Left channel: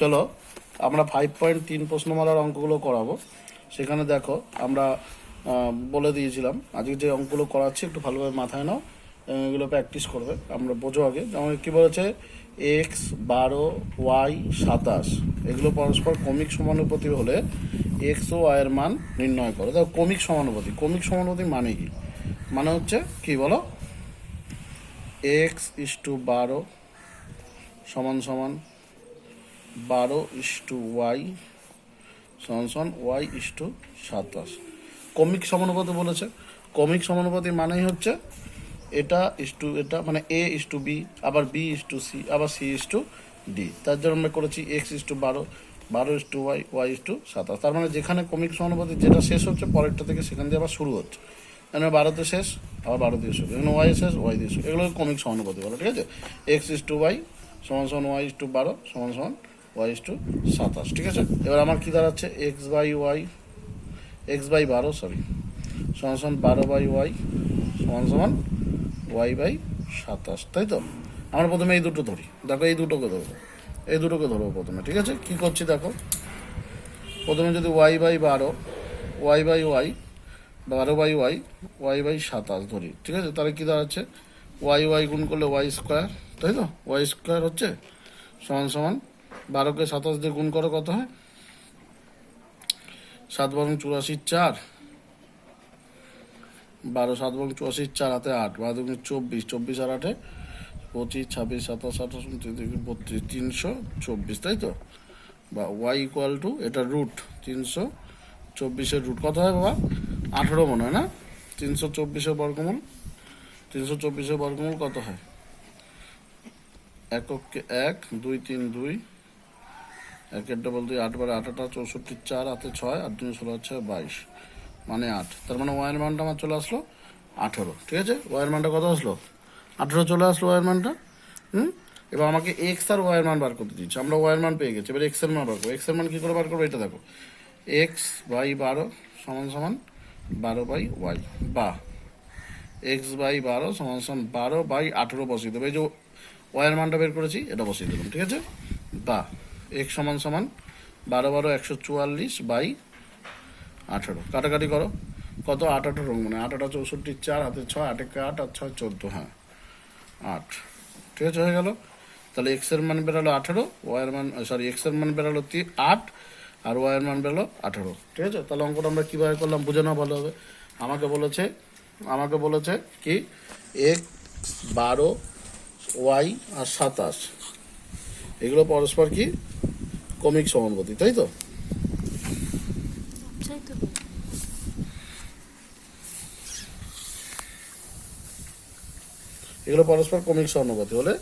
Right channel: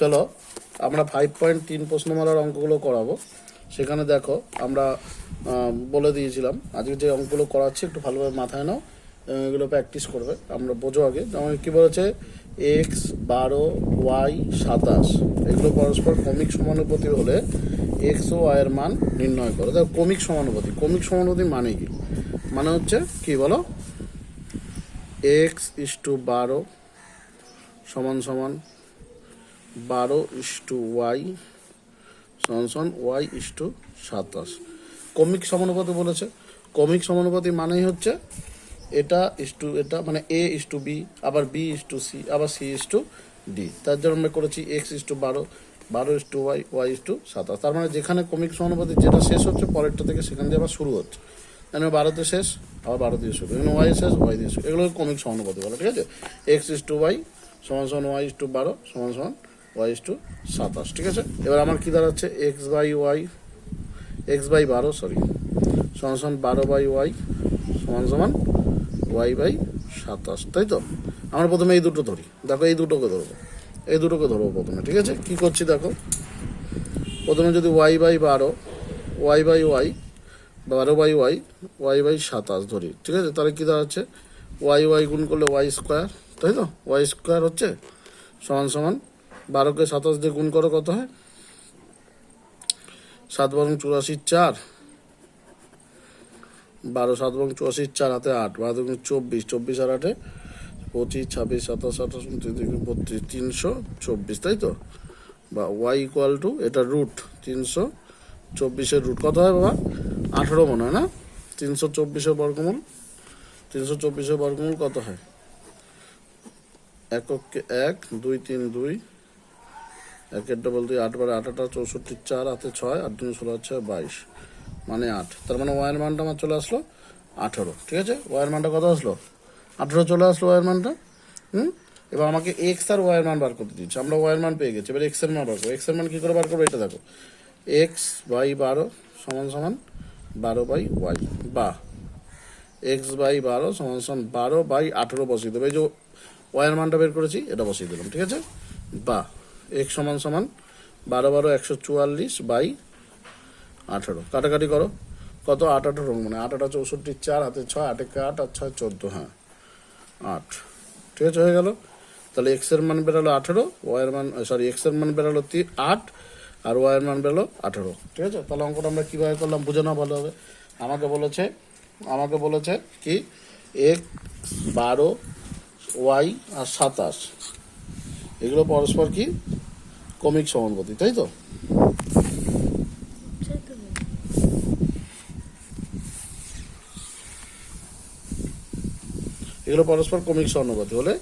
চলো আমরা 5.3 প্রশ্নমালার অঙ্কগুলো করাবো। সেখানে দেখো আমরা বলে দিয়েছিলাম আজকে যে অঙ্কগুলো করাচ্ছি একটু ভালোভাবে মাথায় নাও এবং এগুলো প্র্যাকটিস করবে। আমরা বোঝো আগে, যেমন কী বলেছে, এক্স 12 ওয়াই 27 এগুলো পরস্পর ক্রমিক সমানুপাতি হলে এক্স ও ওয়াই এর মান নির্ণয় করো। দেখো ক্রমিক সমানুপাতি, ক্রমিক সমানুপাতি মানে কি? মানে হচ্ছে কি বলো, এক্স ইস টু 12 সমান সমান 12 ওয়াই সমান সমান ওয়াই 27। ক্রমিক সমানুপাতি বলেছে। ক্রমিক সমানুপাতি মানেই হচ্ছে এটা এটা, মানে এ বি, আবার বি সি, আবার সি ডি। তার জন্য আমরা করেছি এক্স 12 ওয়াই ওয়াই 27। তার মানে যেখানে ক্রমিক সমানুপাতি যেটা শেষ হচ্ছে পরেরটা থেকে সেখান দিয়ে আবার শুরু হচ্ছে। এখানে 12তে শেষ, আবার 12 দিয়ে শুরু, এখানে ওয়াই শেষ, ওয়াই দিয়ে শুরু। এগুলো ক্রমিক সমানুপাতি বলো, ঠিক আছে? এক্স ওয়াই সমান সমান ওয়াই 12 সমান সমান ওয়াই 27, ঠিক আছে? এবার আমার কি দাঁড়াচ্ছে, এক্স বাই 12 সমান সমান 12 বাই ওয়াই সমান সমান ওয়াই বাই 27, তাই তো? আমরা প্রথমে এই দুটো ধরি। দেখো এই দুটোকে ধরবো, প্রথমে, ঠিক আছে? কি করছি দেখো, প্রথমে যদি Y by 12 Y by Y 12 by Y Y by 27 ধরি, ঠিক আছে? তাহলে কি দাঁড়াচ্ছে, ওয়াই গুণ করলে ওয়াই স্কোয়ার, তাই তো? ওয়াই স্কোয়ার হচ্ছে সমান সমান 12কে 27 দিয়ে গুণ করো, কত হয়? 7 বরং 84 4, 12 7 বরং 84 4 হাতে 8, 12 24, 24 আর 8 25, 26, 27, 28, 32, 324, তাই তো? বা ওয়াই ইকুয়াল টু, এটা রুট 324-এর রুট কত হয় বাবা? 18 মনে হয় না? 324-এর বর্গমূল, 324-এর বর্গমূল কত হয়? এককে 1, 2 3 2, 1 ডবল 2, 8 বারে 8 64 4 হাতে 6, 8 2 16 হচ্ছে 22, মানে 8। তার মানে ওয়াইয়ের মানটা আমার চলে আসলো 18, ঠিক আছে? ওয়াইয়ের মানটা কত আসলো? 18 চলে আসলো ওয়াইয়ের মানটা। এবার আমাকে এক্স আর ওয়াইয়ের মান বার করতে দিচ্ছে। আমরা ওয়াইয়ের মান পেয়ে গেছি, এবার এক্স এর মান বার করবো। এক্স এর মান কী করে বার করবো এটা দেখো, এক্স বাই 12 সমান সমান 12 বাই ওয়াই, বা এক্স বাই 12 সমান সমান 12 বাই 18 বসিয়ে দেবো। এই যে ওয়াইয়ের মানটা বের করেছি এটা বসিয়ে দিলাম, ঠিক আছে? বা এক্স সমান সমান 12 12 144 বাই 18, কাটাকাটি করো, কত? 8 8 মানে 8 8 64 4 হাতে 6, 8 1 8 আর 6 14, হ্যাঁ 8, ঠিক আছে? হয়ে গেল। তাহলে এক্স এর মান বেরোলো 18, ওয়াইয়ের মান এক্স এর মান বেরোলো 8 আর ওয়াইয়ের মান বেরোলো 18, ঠিক আছে? তাহলে অঙ্কটা আমরা কীভাবে করলাম বুঝে নাও ভালো হবে। আমাকে বলেছে কি, এক্স 12 ওয়াই আর 27 এগুলো পরস্পর কি ক্রমিক সমানুপাতি, তাই তো? এগুলো পরস্পর ক্রমিক সমানুপাতি হলে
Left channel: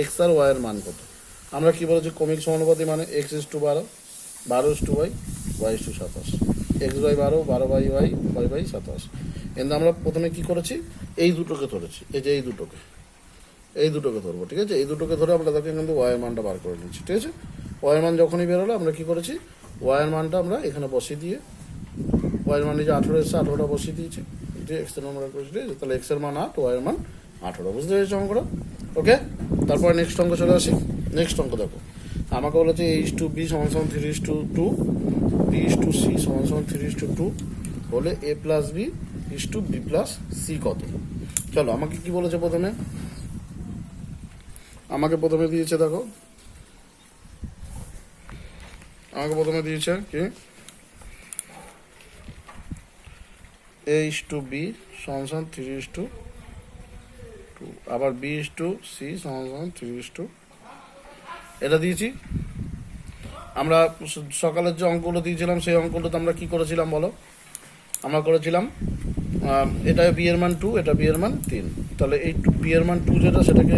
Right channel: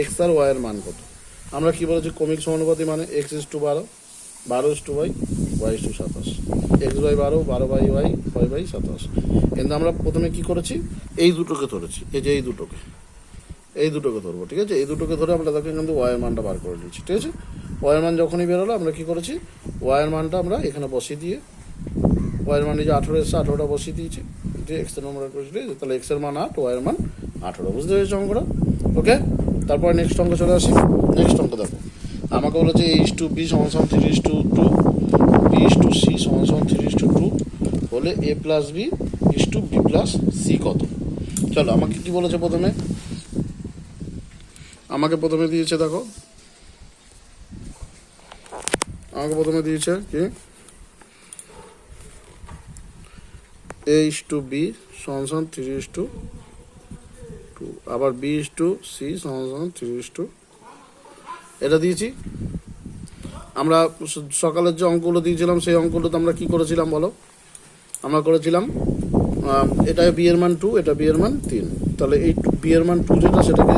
এক্স আর ওয়াই এর মান কত? আমরা কি বলেছি, ক্রমিক সমানুপাতি মানে X 12 Y Y 27, X by 12 by Y Y by 27। কিন্তু আমরা প্রথমে কি করেছি, এই দুটোকে ধরেছি, এই যে এই দুটোকে ধরবো, ঠিক আছে? এই দুটোকে ধরে আমরা তাকে কিন্তু ওয়াইয়ের মানটা বার করে নিচ্ছি, ঠিক আছে? ওয়াইয়ের মান যখনই বেরোলো আমরা কি করেছি, ওয়াইয়ের মানটা আমরা এখানে বসিয়ে দিয়ে, ওয়াইয়ের মান যে 18 এসছে 18টা বসিয়ে দিয়েছি, এক্স এর নম্বর করেছি, ঠিক আছে? তাহলে এক্স এর মান 8, ওয়াইয়ের মান 18, বুঝতে পেরেছি অঙ্কটা? ওকে, তারপরে নেক্সট অঙ্ক চলে আসি। নেক্সট অঙ্ক দেখো, আমাকে বলেছে এ ইস টু বি সমান সমান 3:2, বি ইস টু সি সমান সমান 3:2 হলে A plus B is to B plus C কত? চলো আমাকে কি বলেছে, প্রথমে দিয়েছে, দেখো আমাকে প্রথমে দিয়েছে কি, এ ইস টু বি সমান সমান 3:2, আবার বি ইস টু সি সমান সমান 3:2, এটা দিয়েছি। আমরা সকালের যে অঙ্কগুলো দিয়েছিলাম সেই অঙ্কগুলোতে আমরা কি করেছিলাম বলো? আমরা করেছিলাম এটা বি এর মান 2, এটা বি এর মান 3, তাহলে এই বি এর মান 2 যেটা সেটাকে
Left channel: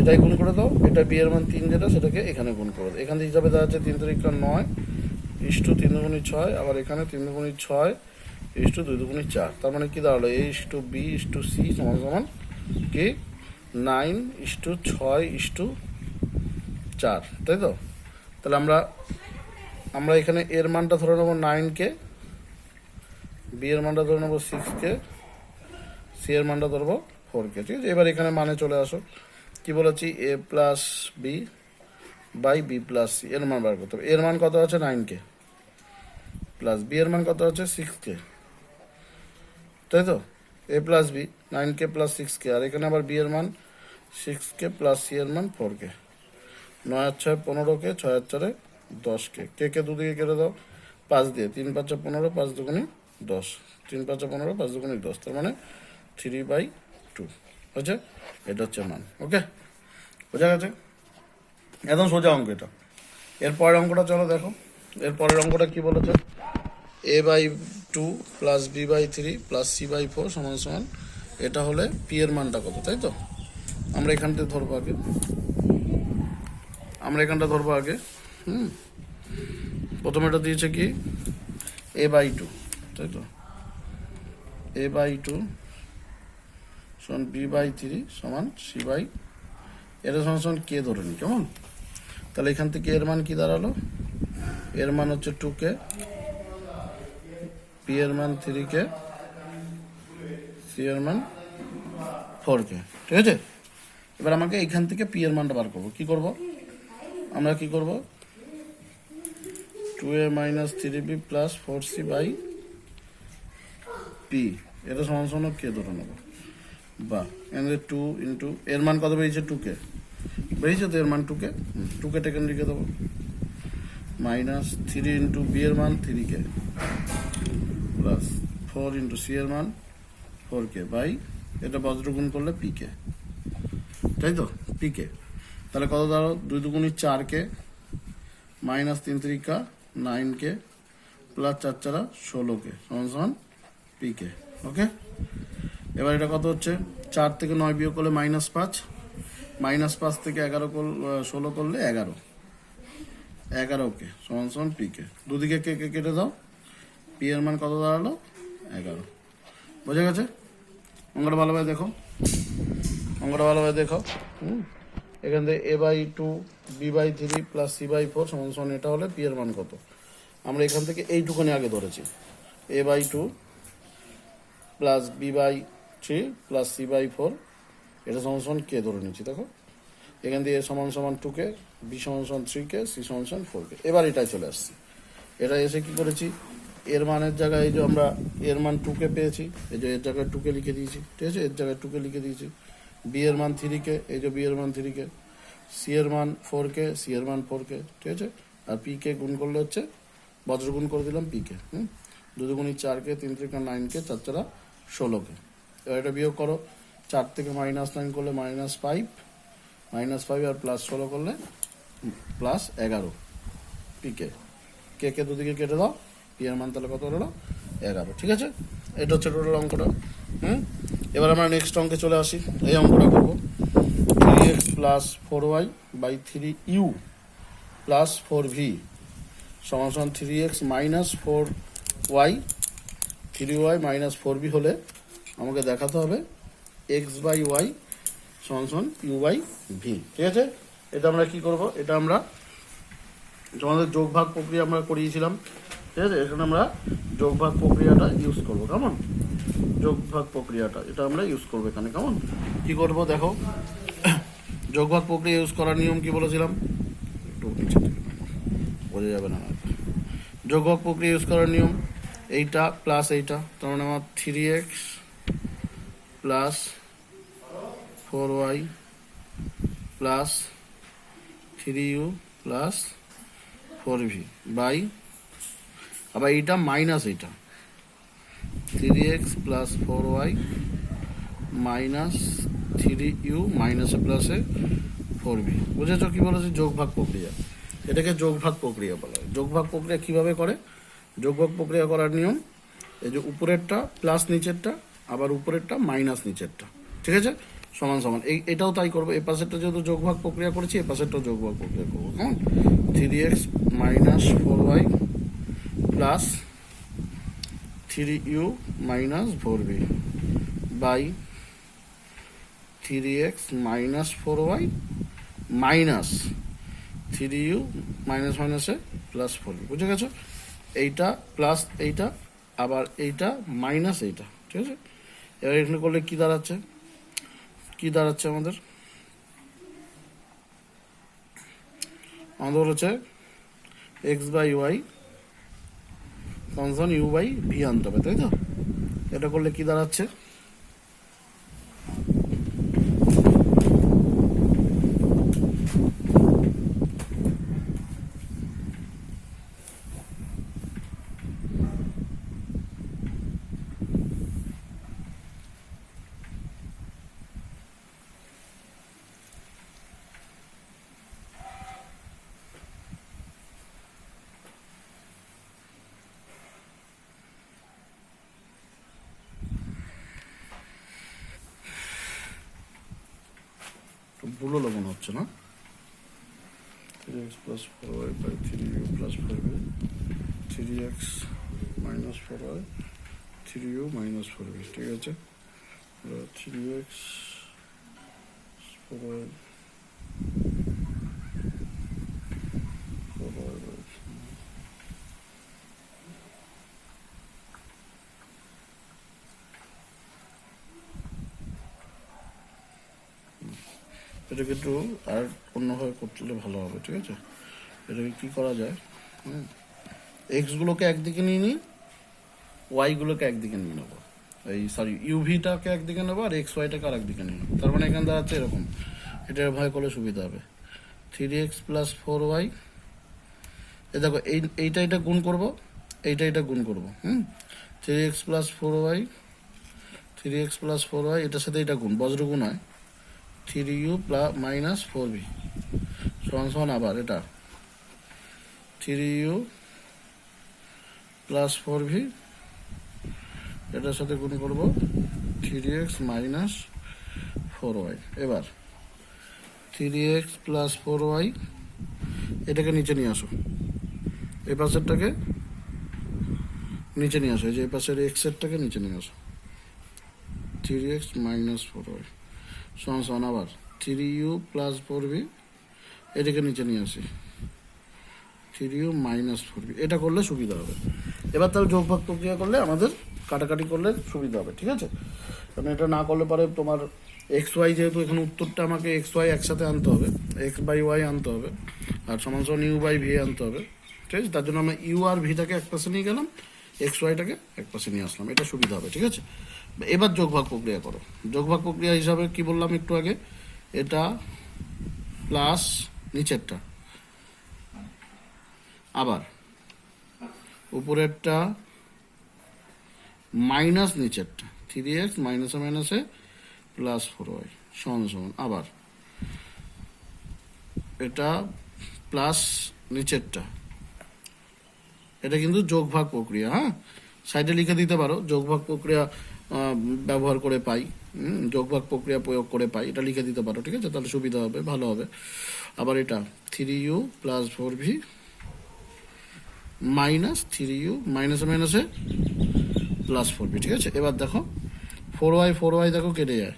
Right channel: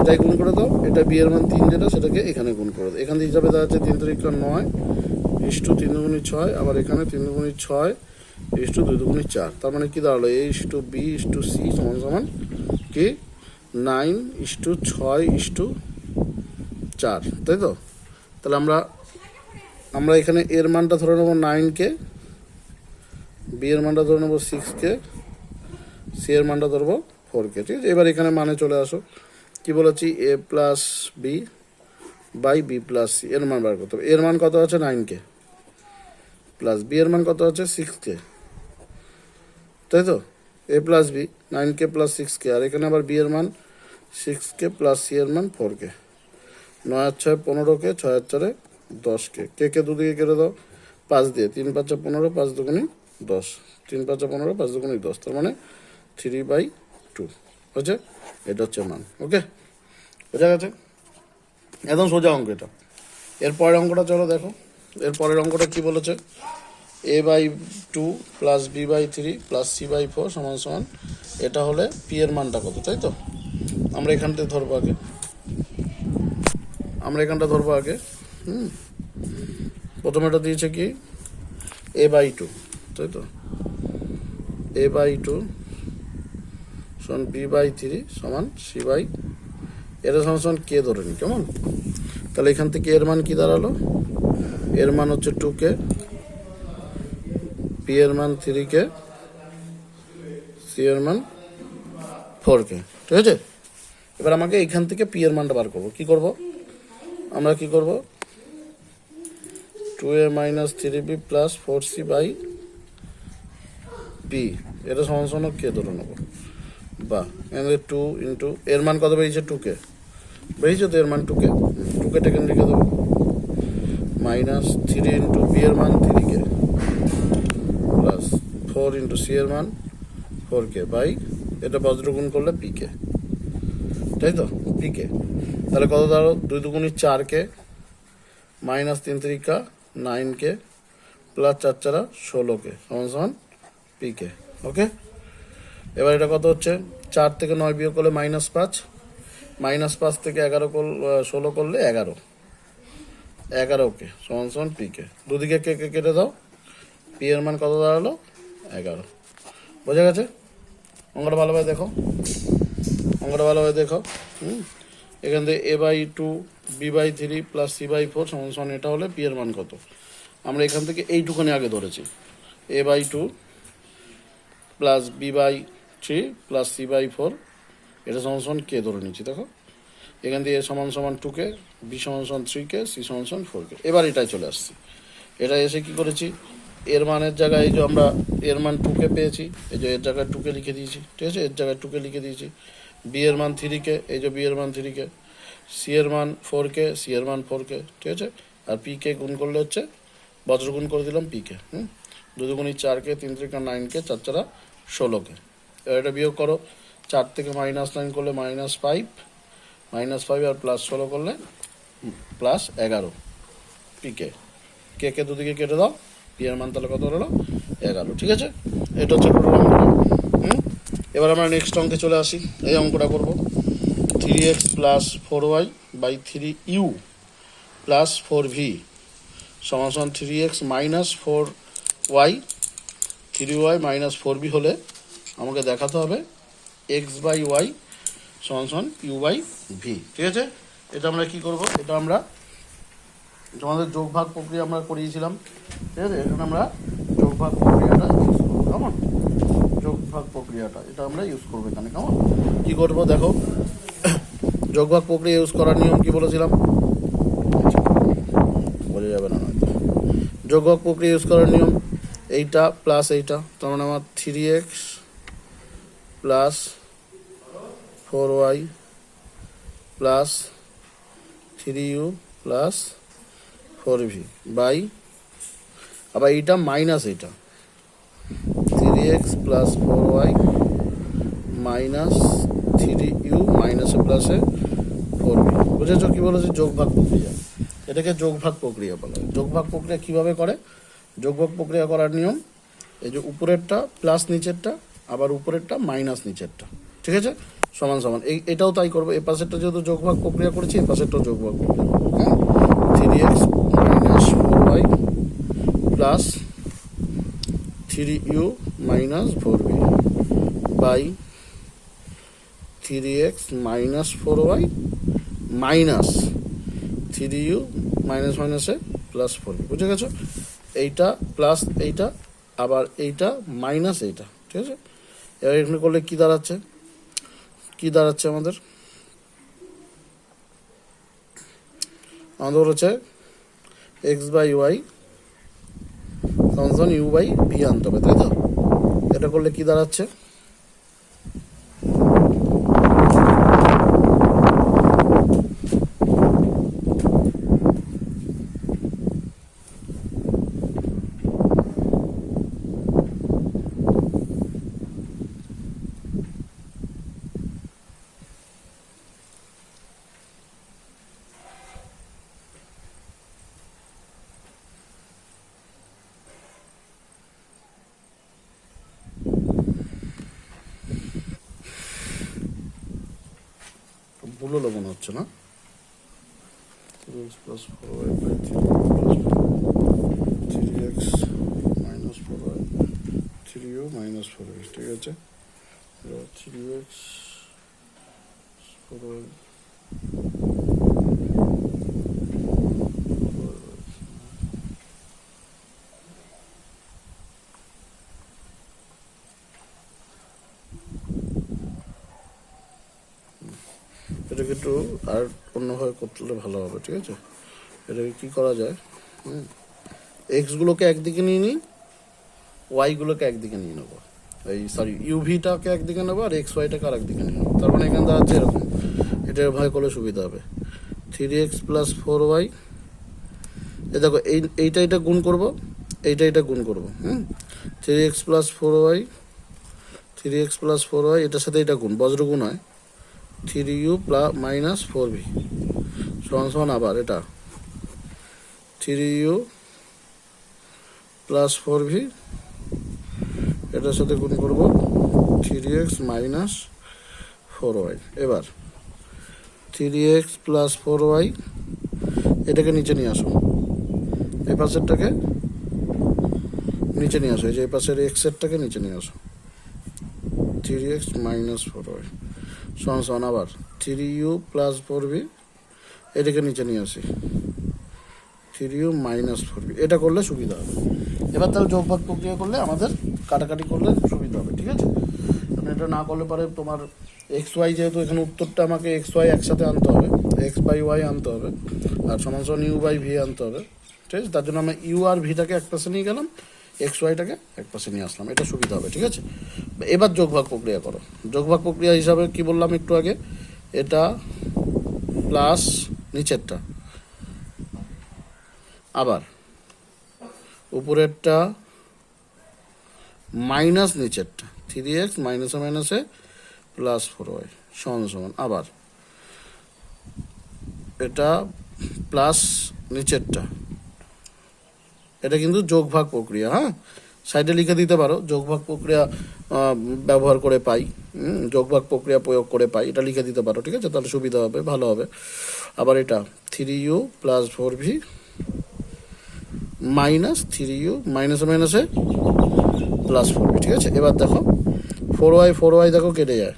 এটাই গুণ করে দাও, এটা বি এর মান 3 যেটা সেটাকে এখানে গুণ করে দাও। এখান থেকে হিসাবে দেওয়া হচ্ছে 3 3 9 ইস টু 3 দুগুণী 6, আবার এখানে 3 দুগুণী 6 ইস টু 2 দুগুণী 4। তার মানে কি দাঁড়ালো, A is to B is to C সমান সমান কি 9 ইস টু 6 ইস টু 4, তাই তো? তাহলে আমরা এখানে এর মানটা ধরে নেবো 9কে, বি এর মানটা ধরে নেবো 6কে, সি এর মানটা ধরবো 4কে, ঠিক আছে? এবার এখানে মানে চলে আসো, কি বলেছি, A plus B by B plus C, এর মান বার করতে হবে। এর মান কত আছে 9k, প্লাস বি এর মান কত আছে 6k, তাই তো? A plus B 9k plus 6k, আর এখানে আবার বি এর মান 6k প্লাস সি এর মান 4k। 9 আর 6 15k, 6 আর 4 10k, কে দুদিকে কেটে দাও 5 দিয়ে, 3 5 15, 5 দুগুণি 10, 3 5 15, 5 দুগুণি 10, তার মানে 3/2 হচ্ছে, এটা হচ্ছে মান। ওকে, বোঝা গেছে? একদম সোজা অঙ্ক এটা। এর পরের অঙ্কটা চলো দেখো। এর পরের অঙ্কটা কি বলেছে, a/2 plus b/3 plus c/4 সমান সমান, এটা হলে পি এর মানটা কত, তাই তো? আমরা এখান থেকে ধরবো আগে, আমরা এখানটা ধরবো আগে। প্রথমে এটা দিয়েছে কি a/2, তাই তো? a/2 সমান b/3 সমান c/, এটা সমান সমান কে ধরে নি, কেমন? তাহলে এখান থেকে এর মান কি দাঁড়ালো, এর মান হচ্ছে 2k, পি এর মান 3k, সি এর মান 4k, ঠিক আছে? এবার আমাকে এখান থেকে পি এর মানটা বার করবো। কি করব আমরা, কি করব, 2a minus 3b plus 4c by P, এটা সমান সমান কে ধরে নেবো, বা এখানে 2 ইন্টু এর মান কত বেরিয়েছে 2k, বেরিয়েছে তো এর মান 2k, 2k টেকে লিখে দেবো, মাইনাস 3 ইন্টু বি এর মান 3k প্লাস 4 ইন্টু সি এর মান 4k বাই, এটা বজ্র গুণ করলে পিকে, তাই তো? পিকে তাহলে কত দাঁড়ো, 2 দুগুণি 4k minus 3 3 9k plus 4 4 16k সমান সমান পিকে। ওকে, এবার এটা কত হচ্ছে, 4 থেকে 9 বিয়োগ করলে -5, -5 থেকে 16 করলে 11k সমান সমান পিকে। দুদিকে কে কে কেটে দাও, পি এর মান কত দাঁড়ালো 11। বোঝা গেছে? অঙ্কটা ভালোভাবে দেখো, অঙ্কটা ভালোভাবে দেখো। এখান থেকে a/2 b/3 প্লাস c/4 সমান সমান, এটা হলে পি এর মান কত। আমরা এখান থেকে এইটুখানি আগে ধরেছি, a/2 plus b/3 plus c/4, এটা সমান সমান কে ধরে নিচ্ছি। দেখো এখান থেকে এ সমান সমান 2k, বি সমান সমান 3k, সি সমান সমান 4k। এবার এটাই চলে আসছি, এটা এসে কি করেছি, এর মানের জায়গায় এই যে আমরা এর মান 2k পেয়েছি, এই যে এর জায়গায় 2k লিখে দিয়েছি, ঠিক আছে? এর জায়গায় 2k লিখে দিয়েছি। বি এর মান 3k, এই যে বি এর মান 3k, সি এর মান 4k, সি এর মান 4k, ঠিক আছে? আর পি কে গুণ করলে হচ্ছে, বজ্র গুণ করে দিলাম পিকে, 2 দুগুণি 4k, 3 3 9k, 4 4 16k। এবার এটা বিয়োগ করো, 4 থেকে -9 করলে -5, -5 আর প্লাস 16 করলে +11 পিকে। কে দুদিকে কেটে দাও, পি এর মান তাহলে কত হলো 11, ঠিক আছে? এটা হচ্ছে টোটাল অঙ্কটা। এবার আমরা নেক্সট অঙ্কে চলে আসি। এই অঙ্কটা করবো 3x plus 4y by 3u plus 4v সমান সমান 3x minus 4y, 3y minus 4b হলে আমাকে দেখাতে হবে x/y সমান সমান u/v, ঠিক আছে? এটা আমরা কি করব, এটা আমরা তোমাদের যোগ ভাগ প্রক্রিয়া আমরা করিয়েছিলাম, ঠিক আছে? এখানে আমরা যোগ ভাগ প্রক্রিয়াটা ইউজ করবো, কেমন? যোগ ভাগ প্রক্রিয়াটা এটা আমরা ইউজ করবো এখানে, কেমন? কি করবো দেখো, যোগ ভাগ প্রক্রিয়া ইউজ করার নিয়ম কি বলেছিলাম, বোঝা যাবে না। যোগ ভাগ প্রক্রিয়া ইউজ করার নিয়ম, এইটা প্লাস এইটা, তার মানে আমার 3x plus 4y plus 3u plus 4v by, আবার এইটা মাইনাস এইটা 3x plus 4y minus 3u মাইনাসে প্লাসে 4v। বুঝেছো কি বলেছে? যোগ ভাগ প্রক্রিয়া, এটাকে যোগ ভাগ প্রক্রিয়া বলা হয়। যোগ ভাগ প্রক্রিয়া কিভাবে করে, যোগ ভাগ প্রক্রিয়া করার নিয়ম, এই যে উপরেরটা প্লাস নিচেরটা, আবার উপরেরটা মাইনাস নিচেরটা, ঠিক আছে? সমান সমান, এটাও তাই করবো। এই পাশেরটা যেহেতু যোগ ভাগ প্রক্রিয়া করেছি, এই পাশেরটাও যোগ ভাগ প্রক্রিয়া করবো। 3x minus 4y plus 3u minus 4v by 3x minus 4y minus 3u minus মাইনাসে প্লাস 4v। বুঝে গেছো? এইটা প্লাস এইটা, আবার এইটা মাইনাস এইটা, ঠিক আছে? এবার এখানে করলে কি দাঁড়াচ্ছে, কি দাঁড়াচ্ছে আমাদের, আমাদের হচ্ছে এক্স বাই ওয়াই সমান ইউ বাই ভি আনতে হবে, তাই তো? এটা করলে কি দাঁড়াচ্ছে? ভুল হলো মনে হচ্ছে না? 3x plus 4y 3x minus 4y 3u minus 4y, ঠিক আছে? 3x 4y এটা কিন্তু আর অন্যভাবে করলে ভালো হবে, ঠিক আছে? এটাকে কী করা যায়, এক্সগুলোকে একদিকে নিয়ে নিই, ওয়াইগুলোকে একদিকে নিয়ে নেবো, এই সরি ইউভিটাকে একদিকে নেবো আর এক্স ওয়াইটাকে আর একদিকে নিয়ে নেবো। তার মানে এখানে দাঁড়াচ্ছে এরকম, এটা ভাই করলে সুবিধা হবে। 3x প্লাস 4y, এ দেখো এইটা এটা গুণ করবো, এইটা গুণ করবো, 3x plus 4y 3x plus 4y এটার সাথে এটা গুণ, বজ্র গুণ হয়, 3u প্লাস মাইনাস 4v সমান সমান আবার এটা 3u প্লাস 4v, এটার সাথে গুণ করব 3x মাইনাস 4y। এবার 3x প্লাস 4y এটাকে নিচে নিয়ে আসো, এই পাশেরটাকে নিচে নিয়ে আসো, এই যে এই পাশের এক্সেরটাকে নিচে নিয়ে আসো, 3x মাইনাস 4y সমান সমান আবার 3u প্লাস 4v, এটাকে নিচে নিয়ে আসি 3u মাইনাস 4v। এটা করলে সুবিধা হবে। এবার তাহলে যোগভাগ প্রক্রিয়া করলে আমাদের কাটাকাটি করলে সুবিধা হবে, ঠিক আছে? কারণ এটা না করলে পরে তোমার এক্স ওয়াই, যেহেতু এখানে উত্তরটা আমাকে এক্স ওয়াই একসাথে আনতে হবে, এক্স বাই ওয়াই আনতে হবে আর সমান সমান ইউ বাই ভি আনতে হবে, ঠিক আছে? তার জন্য আমরা ইউ আর ভিটাকে এক পাশে নিয়ে গেলাম, এক্স ওয়াইটাকে এক পাশে নিয়ে আসলাম, এটা সুবিধা হবে, ঠিক আছে? এবার যোগভাগ প্রক্রিয়া করো। যোগভাগ প্রক্রিয়া হিসাবে কি বললাম একটু আগে, এটা প্লাস নিচেরটা, আবার উপরেরটা মাইনাস নিচেরটা, 3x মাইনাসে মাইনাসে প্লাস 4y সমান সমান আবার এটা প্লাস নিচেরটা। এটা কিন্তু যোগভাগ প্রক্রিয়া, হ্যাঁ, সাইডে লিখে দিতে পারো যোগভাগ প্রক্রিয়া ব্যবহার করে পাই, যোগভাগ প্রক্রিয়া প্রয়োগ করে পাই, এটা লিখে দিতে পারো, ঠিক আছে? তাহলে সুবিধা হবে, ভালো হবে। আবার এটা 3u plus 4v minus 3u মাইনাসে মাইনাসে প্লাস 4v, ঠিক আছে? এবার দেখো 4y দেখো কেটে যায়,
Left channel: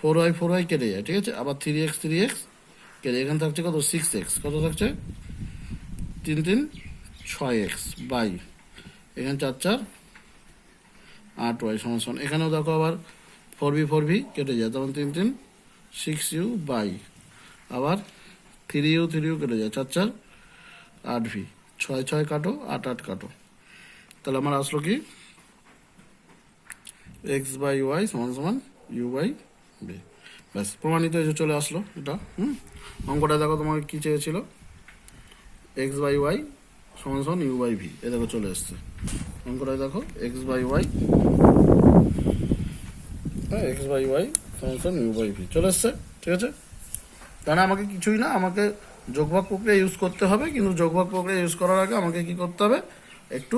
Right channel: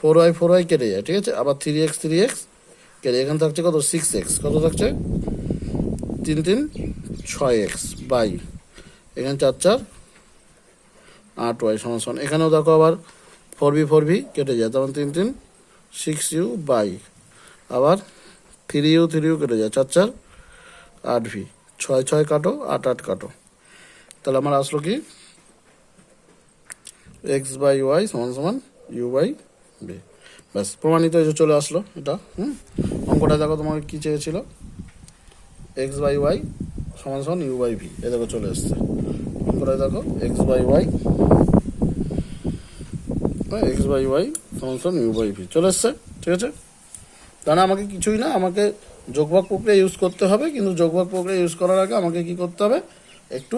4y কেটে যায়, ঠিক আছে? আবার 3x কেটে, এখানে থাকছে কত 6x, কত থাকছে 3 3 6x বাই এখানে 4 4 8y সমান সমান, এখানেও দেখো আবার 4v কেটে যায়, তখন 3 3 6u বাই আবার 3u কেটে যায়, 4 4 8v 6 6 কাটো 8 8 কাটো, তাহলে আমার আসলো কি এক্স বাই ওয়াই সমান সমান ইউ বাই ভি। ব্যাস, প্রমাণিত হয়ে চলে আসলো এটা। অঙ্কটা দেখো তোমাকে কি চেয়েছিল, এক্স বাই ওয়াই সমান সমান ইউ বাই ভি, এ দেখো চলে এসছে অঙ্কটা, দেখো এক্স বাই ওয়াই সমান সমান ইউ বাই ভি চলে এসছে, ঠিক আছে? তাহলে আমাকে কিছুই না, আমাকে যোগভাগ প্রক্রিয়া ইউজ করতে হবে, কিন্তু যোগভাগ প্রক্রিয়া ইউজ করার আগে আমাকে কি করতে হবে, একটু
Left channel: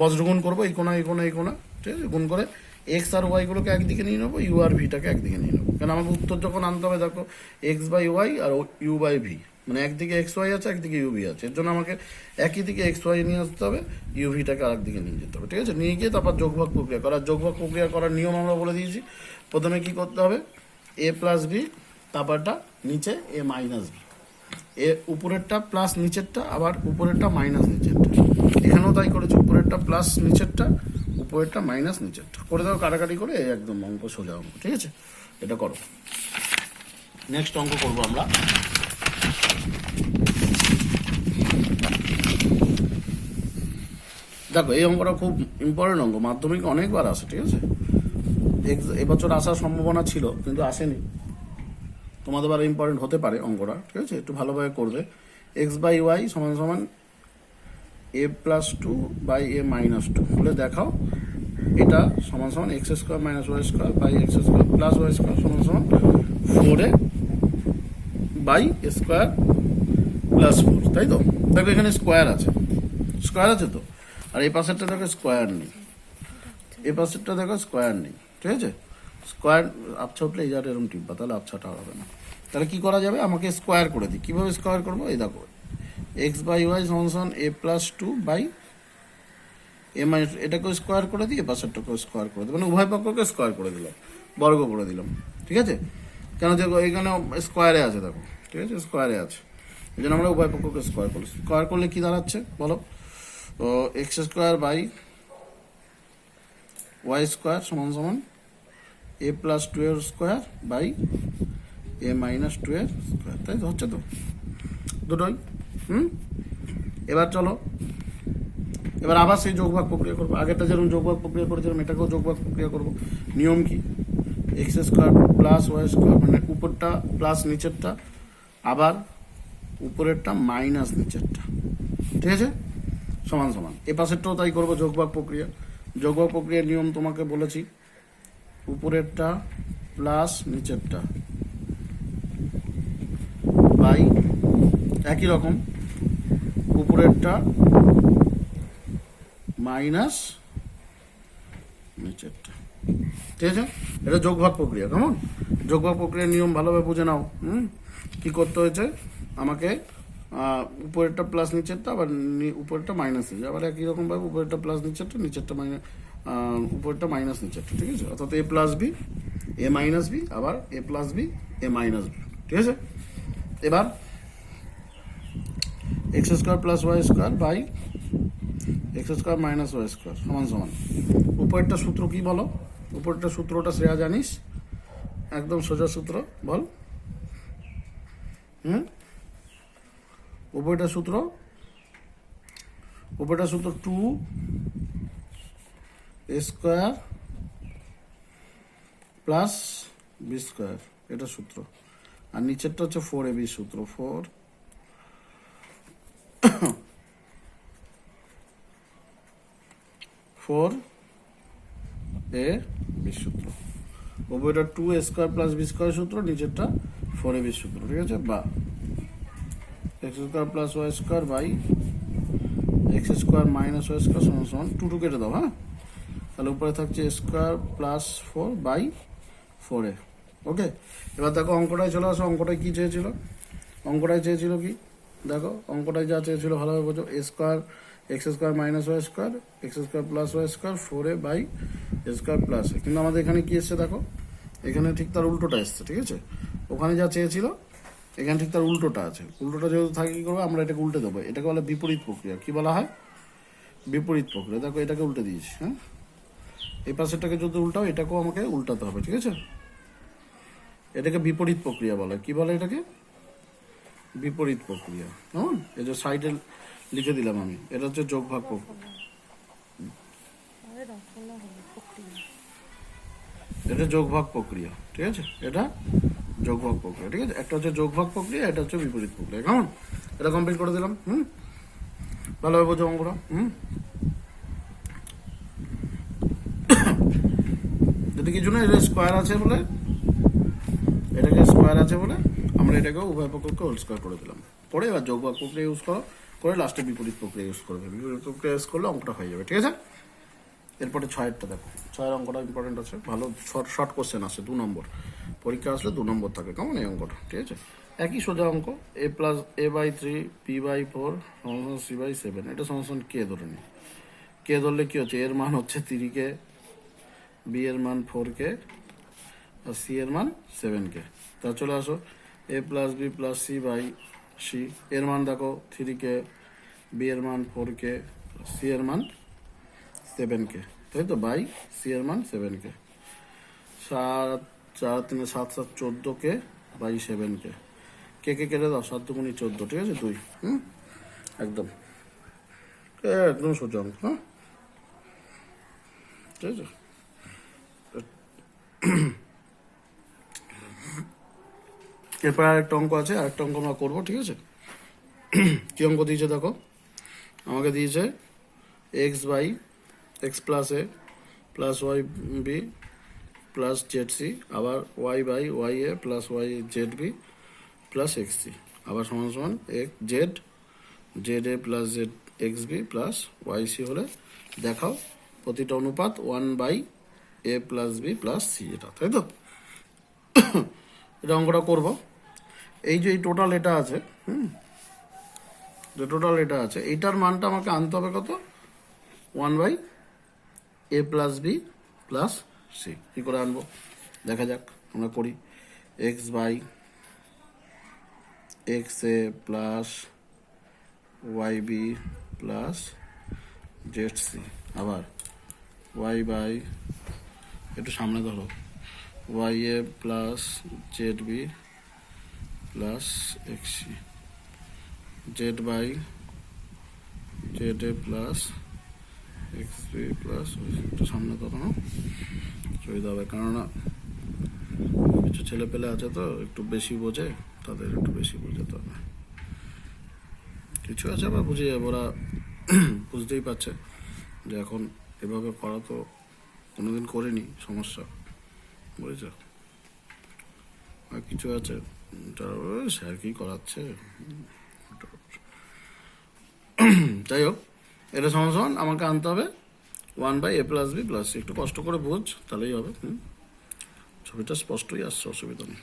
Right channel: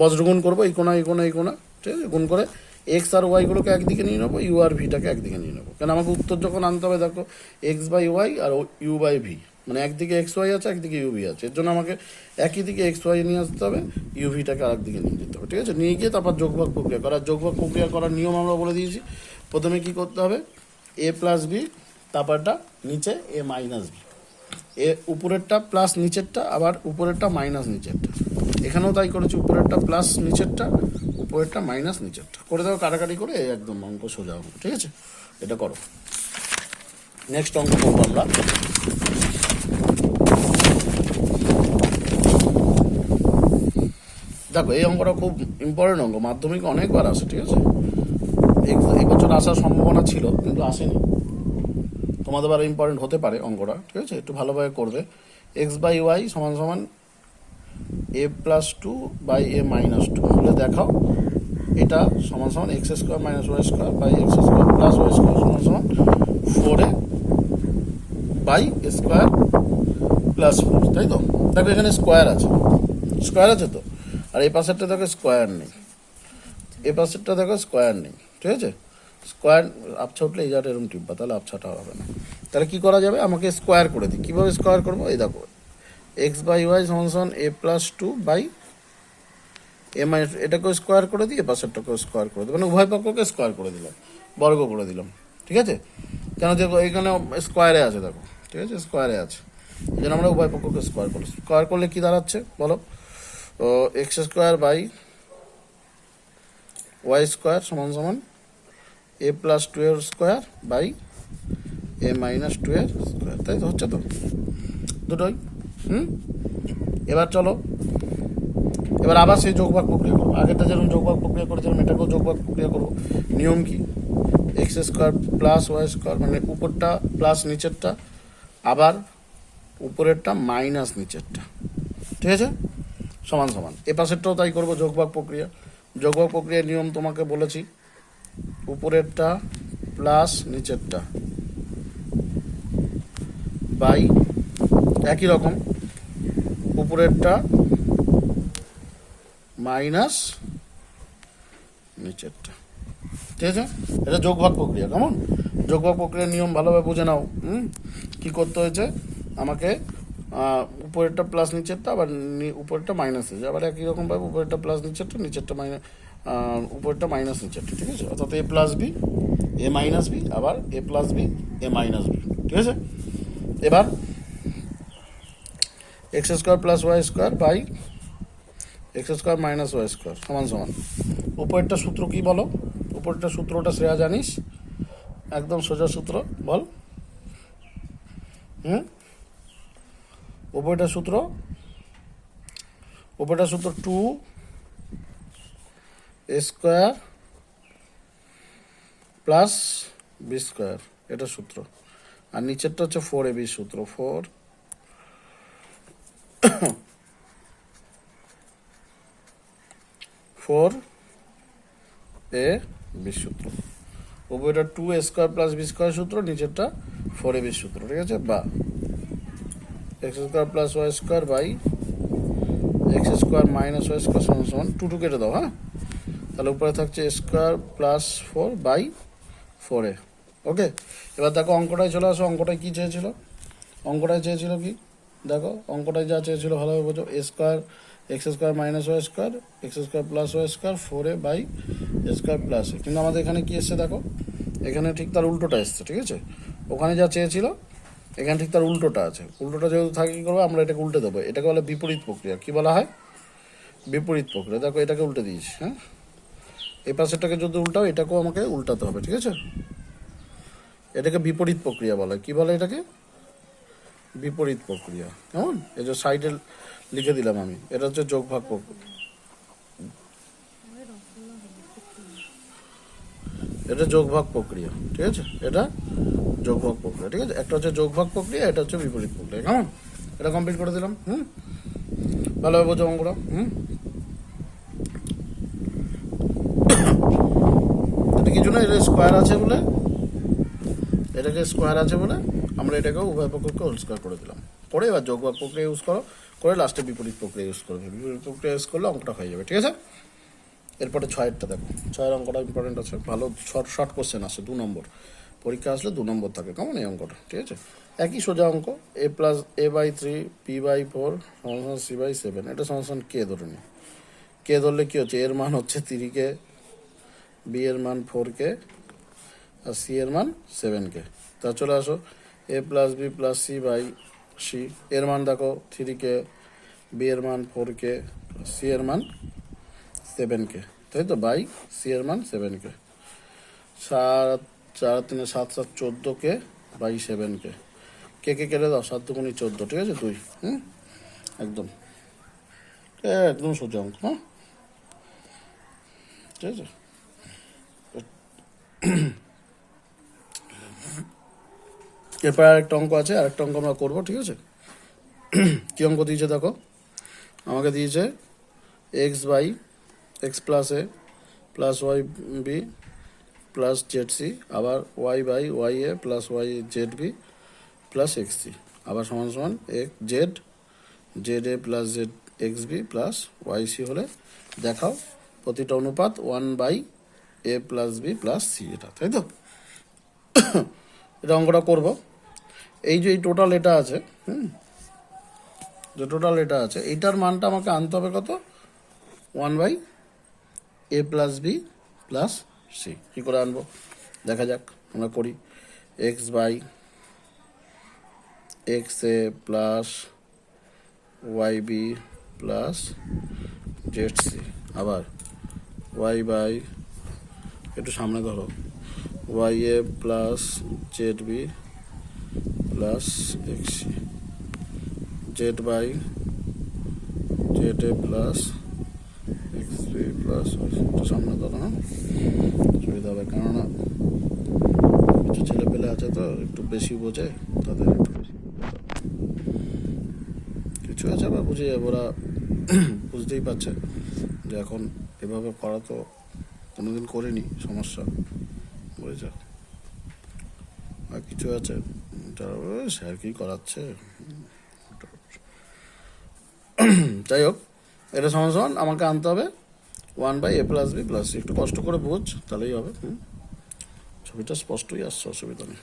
বজ্রগুণ করবো, এই কোনা ঠিক আছে? গুণ করে এক্স আর ওয়াইগুলোকে একদিকে নিয়ে নেবো, ইউ আর ভিটাকে একদিকে নিয়ে নেবো, কারণ আমাকে উত্তর যখন আনতে হবে দেখো এক্স বাই ওয়াই আর ইউ বাই ভি, মানে একদিকে এক্স ওয়াই আছে একদিকে ইউ ভি আছে, এর জন্য আমাকে একই দিকে এক্স ওয়াই নিয়ে আসতে হবে, ইউ ভিটাকে আরেকদিকে নিয়ে যেতে হবে, ঠিক আছে? নিয়ে গিয়ে তারপর যোগভাগ প্রক্রিয়া করার নিয়ম আমরা বলে দিয়েছি। প্রথমে কি করতে হবে, এ প্লাস বি, তারপরটা নিচে এ মাইনাস বি, এ উপরেরটা প্লাস নিচেরটা, আবার উপরেরটা মাইনাস নিচেরটা, এখানেও তাই করেছে, উপরেরটা প্লাস নিচেরটা, উপরেরটা মাইনাস নিচেরটা করে দাও, কাটাকাটি করে একদম অঙ্ক সোজা অঙ্ক, ঠিক আছে? এটা করো। নেক্সট অঙ্ক করবো আমরা। দেখো এই অঙ্কটা খুব ইম্পর্টেন্ট অঙ্ক, মাধ্যমিক অনেকবার আসে, ঠিক আছে। এই বছর আসার সম্ভাবনা ছিল কিন্তু আসেনি, তোমাদের আরো ইম্পর্টেন্ট হতে পারে অঙ্কটা, ঠিক আছে। একটু ভালোভাবে করবে। এক্স বাই ওয়াই সমান সমান A plus two by A minus two হলে দেখাও এটা সমান সমান X square minus Y square by X square plus Y square সমান সমান 4a বাই স্কোয়ার প্লাস 4, তাই তো। দেখো এখানে স্কোয়ার আছে, স্কোয়ার আছে তো, আর এই পাশেরটা দেখো স্কোয়ার নেই, এই পাশেরটা দেখো স্কোয়ার নেই, ঠিক আছে। স্কোয়ার আবছা উঠলে এই জায়গাটা এরকম টিপবা, তাহলে আবছাটা হবে না। তাহলে কি করা যাবে, আমাকে স্কোয়ার করে দিই। কীভাবে স্কোয়ার করবো, এই দেখো এক্স বাই ওয়াই সমান সমান A plus two by A minus, এটাকেও স্কোয়ার করে দিই, এ পাশেরটাকেও স্কোয়ার করে দিই, মানে উভয় পক্ষকে স্কোয়ার করে দিলাম, বর্গ করে দিলাম, ঠিক আছে। কেন দেখো এখানে স্কোয়ারে আছে, দেখো ঠিক আছে, স্কোয়ারে আছে, এই জন্য আমরা উভয় পক্ষকে স্কোয়ার করলাম। স্কোয়ার করলে কি দাঁড়াচ্ছে বলো, তো X square by Y square সমান সমান এ প্লাস টু এর square by A minus two এর স্কোয়ার, তাই তো, হচ্ছে তো দুটোই। এবার চলো, এবার আবার সেই যোগভাগ প্রক্রিয়া করবো, আগেরটা যেরকম যোগভাগ প্রক্রিয়া করেছিলাম এটাকেও যোগভাগ প্রক্রিয়া করবো। নিয়ম কি, X square plus Y square, মানে উপরটা প্লাস নিচেরটা, আবার উপরেরটা মাইনাস নিচেরটা, ঠিক আছে, সমান সমান। এ পাশেরটাও তাই করবো, যোগভাগ প্রক্রিয়া। যোগভাগ প্রক্রিয়ার নিয়ম তোমাকে বলেছি, উপরেরটা প্লাস নিচেরটা বাই একই রকম উপরেরটা মাইনাস নিচেরটা, ঠিক আছে। এটা যোগভাগ প্রক্রিয়া, কেমন। যোগভাগ প্রক্রিয়ার নিয়ম ভালোভাবে বুঝে নাও। কি করতে হয়েছে আমাকে, উপরেরটা প্লাস নিচেরটা, আবার উপরেরটা মাইনাস নিচে, আবার একই রকমভাবে উপরেরটা প্লাস নিচেরটা, নিচেরটা মাইনাস, উপরেরটা মাইনাস নিচেরটা, ঠিক আছে। অর্থাৎ A plus B A minus B, আবার A plus B A minus B, ঠিক আছে। এবার X square plus Y square by X square minus Y square সমান সমান, উপরেরটা সূত্র কি বলো, উপরেরটা সূত্রটা শ্রেয়া জানিস, একদম সোজা সূত্র বল। উপরেরটা সূত্র, উপরেরটা সূত্র two A square plus B square, এটা সূত্র। আর নিচেরটা হচ্ছে 4ab সূত্র, 4ab সূত্র। উপরেটা 2a square plus B square সূত্র, নিচেরটা 4ab সূত্র, ঠিক আছে। বা X square plus Y square by X square minus Y square সমান সমান 2 কেটে দাও, হ্যাঁ। তাহলে উপরে থাকছে স্কোয়ার প্লাস 4 বাই 4a, ওকে। এবার দেখো অঙ্কটায় চলে আসো, অঙ্কটায় কি চেয়েছিল, অঙ্কটায় চেয়েছিল কি, দেখো অঙ্কটায় যা চেয়েছিল ভালোভাবে বোঝো, A square X square minus Y square X square plus Y square 4a by A square plus, কিন্তু আমাদের এখানে কি এসছে দেখো, এখানে ঠিক তার উল্টোটা এসছে, ঠিক আছে। ওখানে যা চেয়েছিল এখানে ঠিক তার উল্টোটা আছে, উল্টোটা যেহেতু থাকে কী করবো আমরা, এটাকে উল্টে দেবো, এটাকে বলে বিপরীত প্রক্রিয়া। কি বলা হয়, বিপরীত প্রক্রিয়া। দেখো এটাকে উল্টে দিয়েছি, হ্যাঁ, এই পাশেরটাকে যদি উল্টাও এটাকেও আমাকে উল্টাতে হবে, ঠিক আছে। এটাকে বিপরীত প্রক্রিয়া বলে, কি বলে এটাকে, বিপরীত প্রক্রিয়া, কেমন। এই যে সাইডে লিখে দিলাম আমি, এটা হচ্ছে যোগভাগ প্রক্রিয়া, এটা যোগভাগ প্রক্রিয়া, ঠিক আছে। এটা যোগভাগ প্রক্রিয়া, ঠিক আছে। একটা হচ্ছে যোগভাগ প্রক্রিয়া, এটা হচ্ছে বিপরীত প্রক্রিয়া, কেমন। এটা কমপ্লিট করে দিলাম। ভালোভাবে বোঝো অঙ্কটা। এটা কিছু না, এটা স্কোয়ার আছে বলে, এটাকে স্কোয়ার আছে বলে আমরা এটাকে উভয় পক্ষকে হোল স্কোয়ার করে দিলাম। করে এবার যোগভাগ প্রক্রিয়া ইউজ করো, করে লাস্টে বিপরীত প্রক্রিয়া ইউজ করবে, বিপরীত প্রক্রিয়া ইউজ করলে অঙ্কটা হয়ে যাবে, ঠিক আছে। এরপরে 6-এরটা দেখো, 6-এর অঙ্কটা ইম্পর্টেন্ট আছে, ভালো শর্ট কোশ্চেন আসে, 2 নম্বর পরীক্ষা আসলে 2 নম্বর থাকে, কেমন এই অঙ্কটা, ঠিক আছে। একই সোজা অঙ্ক, A plus A by 3 P by 4 সমান সি বাই 7, এটা সমান কে ধরে নিই। কে ধরলে কি হচ্ছে, এর মান হচ্ছে 3k, বি এর মান 4k, আর সি এর মান 7k। তা চলে আসো, A plus B plus C by C, এর মান দেখো 3k, বি এর মান 4k, সি এর মান 7k, তাই তো, বাই সি এর মান 7k। 7 4 3 7 7 14k, বাই 7কে কে কে কেটে দাও, 7 দুগুণি 14, ঠিক আছে 2। একদম একদম সোজা অঙ্ক, হ্যাঁ ঠিক আছে। এরপর আরেকটা অঙ্ক আছে, আরেকটা অঙ্ক আমরা করবো, ঠিক আছে। কি অঙ্ক দিয়েছে দেখো, আমাকে দিয়েছে X by X plus A plus Y B plus Z C, আবার Y by Y A plus Y Z B plus X C, আবার সমান সমান X Z Z A plus Z X B plus Y C হলে দেখাও প্রতিটা অনুপাত 1/a plus B plus C, এটা তাই তো। এটা অঙ্কটা করবো। এই যে এই টোটাল এটা আছে, যে টোটাল এটা আছে, এইটার মানটা আমাকে আনতে হবে কত, 1/a plus B plus C. কী করে আনবো দেখা যাক, আমরা করি। X by X A plus Y B plus Z C, আবার ওয়াই বাই, একটু সামনে ধরো, Y A plus Z B plus X C, Z by Z A plus X B plus, একটু সামনে ধরো, হ্যাঁ সুবিধা হবে, কেননা কিছু ছেলে পেলে আছে তো একটু বেশি বোঝে, তাদের একটু বেশি বোঝে, তো কিছু আছে আবার বুঝে যাবে, ওরা বুঝতেই পারছে যে এখন এভাবে করা তো কোনোদিন করিনি, সমস্যা বুঝেছ। আর কিছু আছে যারা স্যার কি করাচ্ছে, যাই হোক, এটা সমান সমান আমাকে আনতে হবে 1/a plus B plus C. একটু কষ্ট করে বোঝ, তাহলেই হবে। ছবিটা স্পষ্টই আসছে, অসুবিধা নেই।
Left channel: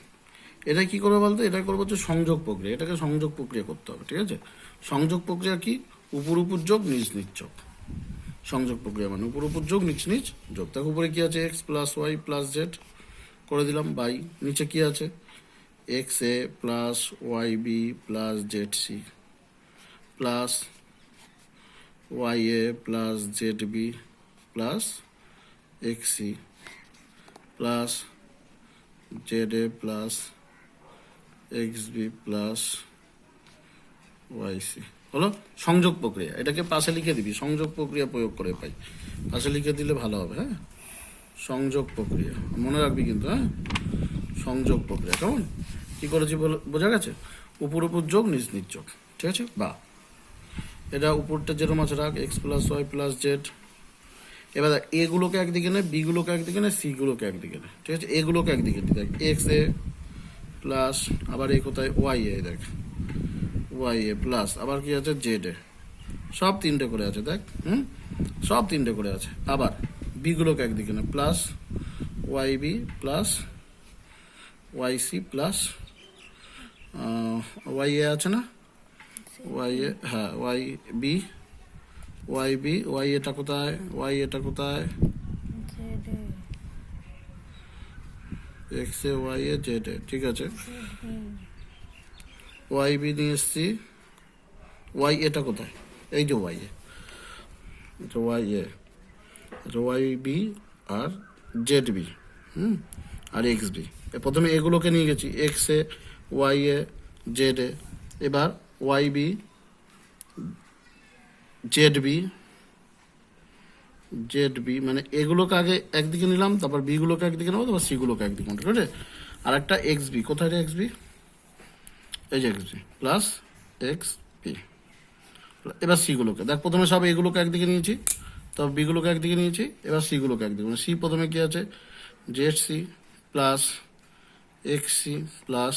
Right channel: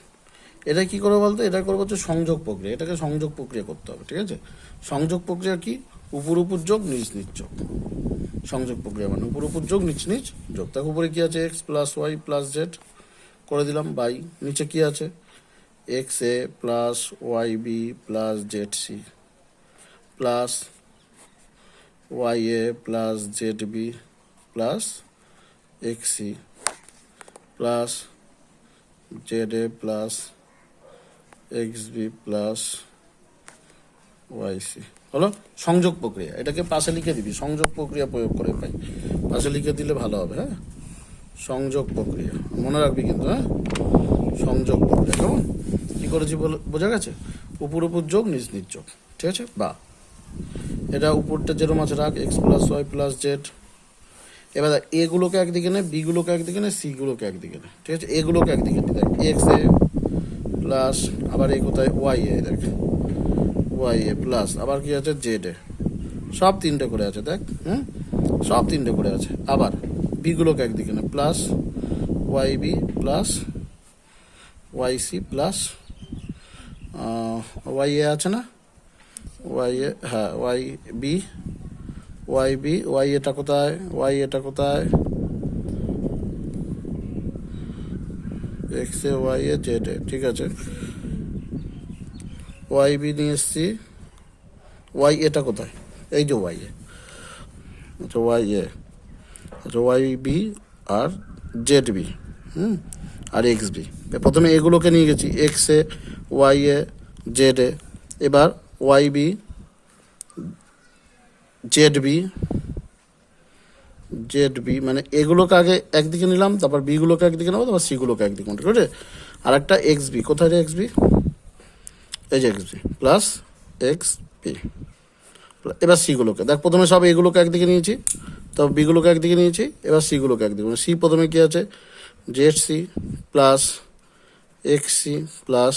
এটা কি করে বলতো, এটা করবো হচ্ছে সংযোগ প্রক্রিয়া, এটাকে সংযোগ প্রক্রিয়া করতে হবে, ঠিক আছে। সংযোগ প্রক্রিয়া কি, উপর উপর যোগ নিচ নিচ যোগ। সংযোগ প্রক্রিয়া মানে উপর উপর যোগ নিচ নিচ যোগ। তার উপরে কি আছে, X plus Y plus Z করে দিলাম, বাই নিচে কি আছে, X A plus Y B plus Z C plus Y A plus Z B plus X C plus Z A plus X B plus Y C হলো সংযোগ প্রক্রিয়া। এটাকে পাশে লিখে দিবি, সংযোগ প্রক্রিয়া প্রয়োগ করে পাই, পাশে লিখে দিলে ভালো হবে। হ্যাঁ, সংযোগ প্রক্রিয়া মনে রাখবি কিন্তু, হ্যাঁ সংযোগ প্রক্রিয়া। কেমন কী করেছি বোঝা গেছে, উপর উপর যোগ নিচ নিচ যোগ, ঠিক আছে। বা এটা উপরটা যেরকম আছে রাখ, X plus Y plus Z. এবার দেখ, এগুলোকে একদিকে নে, বিগুলোকে একদিকে নে, সিগুলোকে একদিকে নে, ঠিক আছে। এগুলোকে একদিকে নে, দেখ এক্স এ প্লাস, আবার এই কোথায় ওয়াই এ, দেখ ওয়াই এ প্লাস, আবার কি আছে জেড এ, সব তিনটে করে আছে দেখ, সব তিনটে করে আছে। আবার বিগুলোকে একদিকে নে, plus Y B plus Y C plus Y A আছে না, ওয়াই এ, হ্যাঁ ওয়াই বি ওয়াই এটা কোথায়, ওয়াই এটা কোথায়, X A Y A Z A, ঠিক আছে। ওয়াই বি নিয়ে এসছি, ওয়াই এটা কোথায়, এই যে ওয়াই এ, আচ্ছা ওয়াই এ, আচ্ছা ওয়াই বি আর জেড বি, আর এক্স বি। প্রথমে এগুলোকে নিয়ে গেছি, X A Y A Z A, এবার ওয়াই বি জেড বি মানে এগুলোকে আগে একদিকে নিলাম, তারপর বিগুলোকে একদিকে নেবো, তারপর সিগুলোকে একদিকে নেবো, ঠিক আছে। আর একটা এক্স বি, কোথায় রে এক্স বি, এই যে X B plus X B. এবার সিগুলোকে দেখ, প্রথমে সব এগুলোকে একদিকে নিয়েছি, তারপর বিগুলোকে একদিকে নিয়েছি, এবার সিগুলোকে একদিকে, সি প্রথমে কি আছে, Z C plus X C plus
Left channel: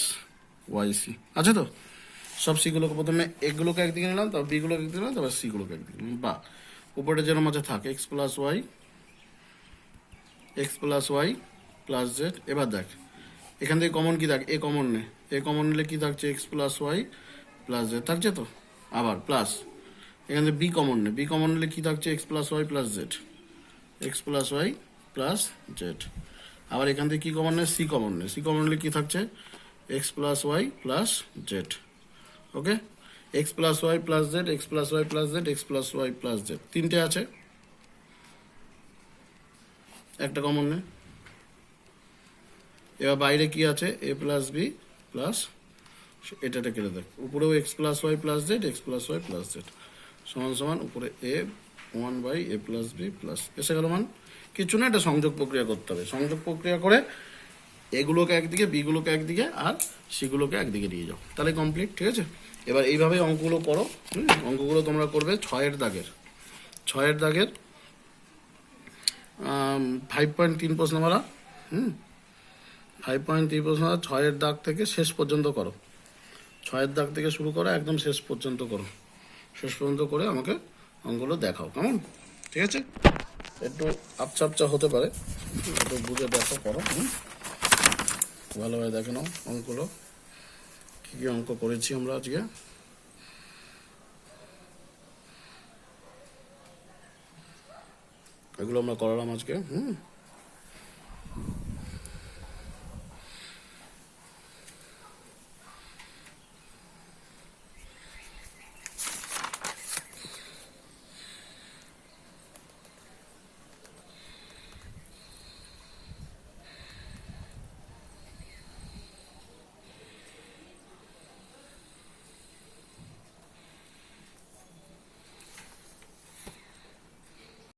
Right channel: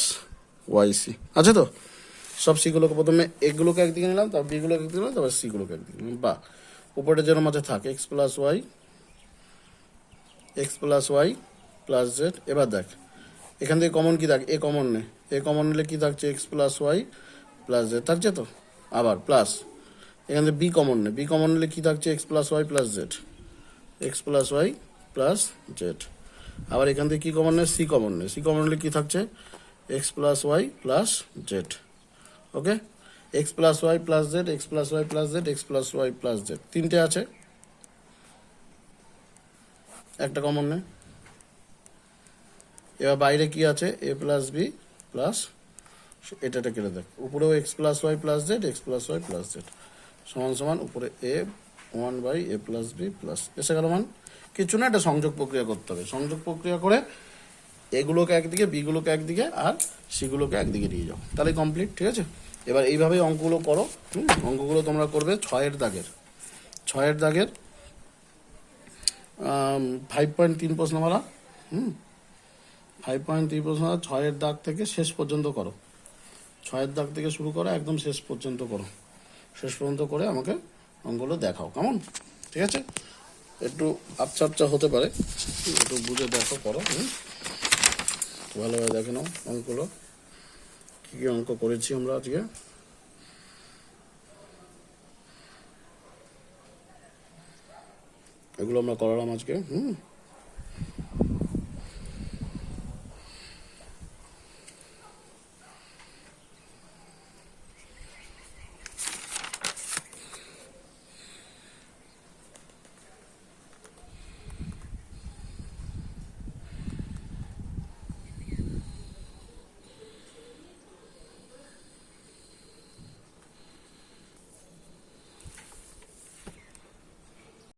Y C আছে তো। সব সিগুলোকে প্রথমে এগুলোকে একদিকে নিলাম, তারপর বিগুলোকে একদিকে নিলাম, তারপর সিগুলোকে একদিকে নিলাম। বা উপরে যেরকম আছে থাক, X plus Y plus Z. এবার দেখ এখান থেকে কমন কি থাক, এ কমন নে, এ কমন নিলে কি থাকছে, X plus Y plus Z থাকছে তো। আবার প্লাস এখান থেকে বি কমন নে, বি কমন নিলে কি থাকছে, X plus Y plus Z, X plus Y plus Z. আবার এখান থেকে কি কমন নে, সি কমন নে, সি কমন নিলে কি থাকছে, X plus Y plus Z. Okay, X plus Y plus Z, X plus Y plus Z, X plus Y plus Z, তিনটে আছে, একটা কমন নেই। এবার বাইরে কি আছে, এ প্লাস বি প্লাস এটা কেটে দেখ, উপরেও X plus Y plus Z, X plus Y plus Z সমান সমান উপরে এ 1/a প্লাস বি প্লাস, এসে গেল মান। কিছু না, এটা সংযোগ প্রক্রিয়া করতে হবে। সংযোগ প্রক্রিয়া করে এগুলোকে একদিকে, বিগুলোকে একদিকে, আর সিগুলোকে একদিকে নিয়ে যাও, তাহলে কমপ্লিট। ঠিক আছে, এবার এইভাবে অঙ্কগুলো করো। অঙ্কগুলো তোমরা করবে 6-এর দাগের 5.3 প্রশ্ন মারা। 5.3 প্রশ্ন মারা 6-এর দাগ থেকে শেষ পর্যন্ত করো। 6-এর দাগ থেকে শুরু করো, একদম শেষ পর্যন্ত করো। শেষ পর্যন্ত করে আমাকে অঙ্কগুলো দেখাও, কেমন? ঠিক আছে, একটু আপচা হতে পারে, একটু বুঝে দেখো, করো। ভালোভাবে দেখে নাও অঙ্কগুলো, কী কী অঙ্ক করেছি আমরা আজকে। এগুলো আমরা করালাম আজকে।